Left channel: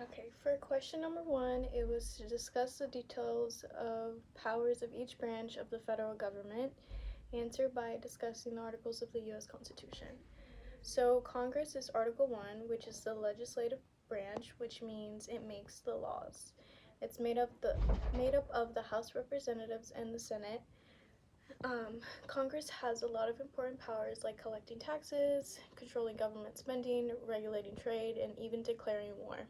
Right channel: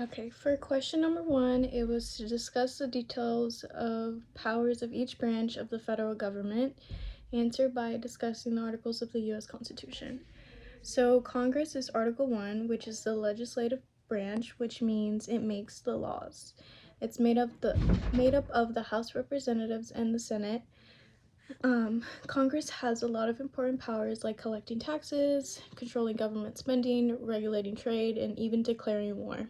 Okay, for question number 1, it was to discuss the details of powers of each branch of the federal government. Answer by discussing the articles of the U.S. Constitution. So Congress is Article 1, which is the legislative branch, which means it makes the laws. It's made up of the House of Representatives and the Senate. Congress has a lot of important powers like collecting taxes, controlling government spending, regulating trade, and even declaring war.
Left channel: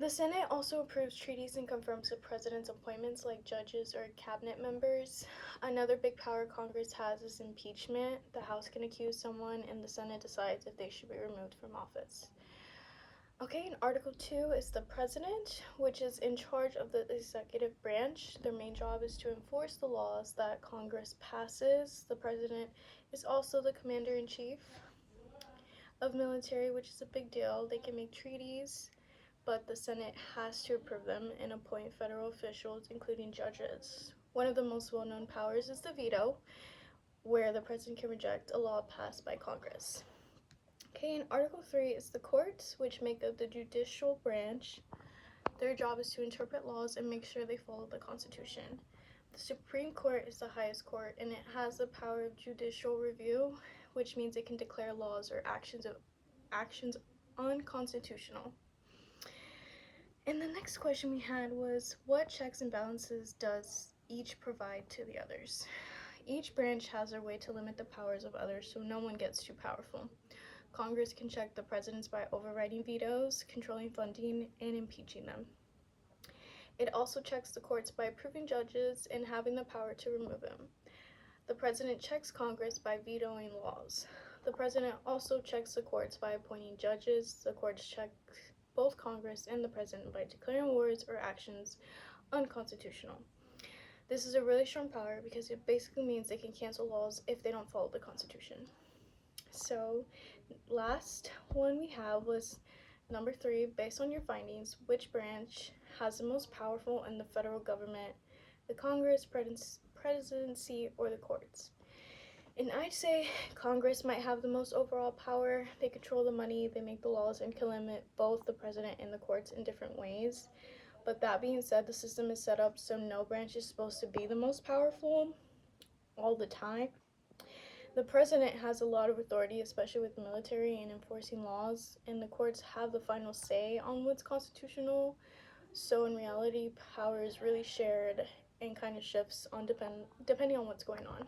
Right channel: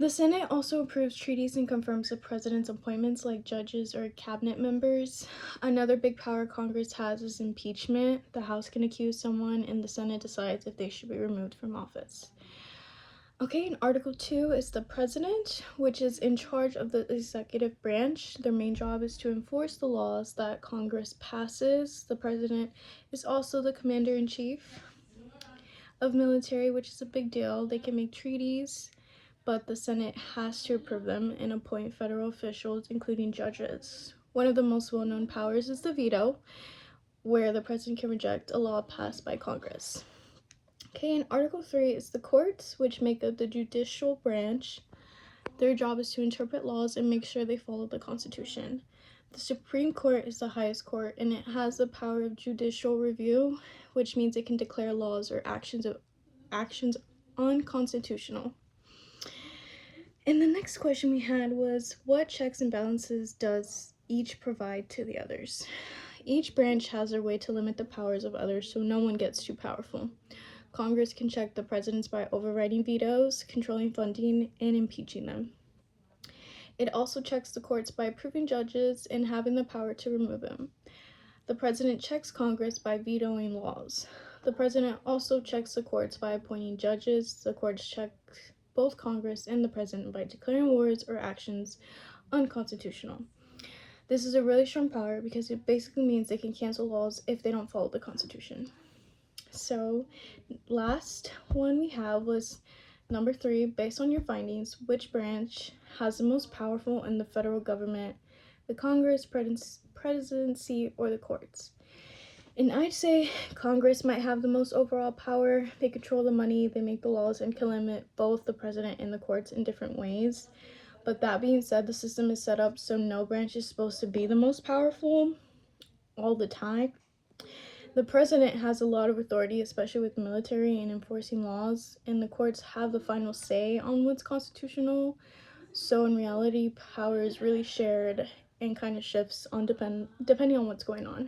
The Senate also approves treaties and confirms the president's appointments like judges or cabinet members. Another big power Congress has is impeachment. The House can accuse someone and the Senate decides if they should be removed from office. Okay, and Article 2 is the president, which is in charge of the executive branch. Their main job is to enforce the laws that Congress passes. The president is also the commander-in-chief of military, which is a big deal. They can make treaties, but the Senate has to approve them and appoint federal officials, including judges. One of the most well-known powers is the veto, where the president can reject a law passed by Congress. Okay, and Article 3 is the courts, which make up the judicial branch. Their job is to interpret laws and make sure they follow the Constitution. The Supreme Court is the highest court, and it has the power of judicial review, which means it can declare laws or actions unconstitutional. And the next question we had was, what checks and balances does each provide to the others? Each branch has their way to limit the powers of others so no one gets too powerful. Congress can check the presidents by overriding vetoes, controlling funding, and impeaching them. It also checks the courts by approving judges and having the power to remove them. The president checks Congress by vetoing laws. The president also checks the courts by appointing judges. The courts check both Congress and the president by declaring wars or actions unconstitutional. This is a really strong power because it basically means they can cancel laws if they don't follow the Constitution. So, last one we have was number 3, based on your findings, which branch has the most powerful in the federal government, the Congress, presidency, or the courts? And I'd say Congress might have the most overall power. They control the money, they make the laws, and can limit both the president and the courts in different ways. But that being said, the system is set up so no branch is supposed to be the most powerful all the time. The president has a lot of authority, especially with the military and enforcing laws, and the courts have the final say on what's constitutional. So in reality, power is really shared and kind of shifts on depending on what's going on.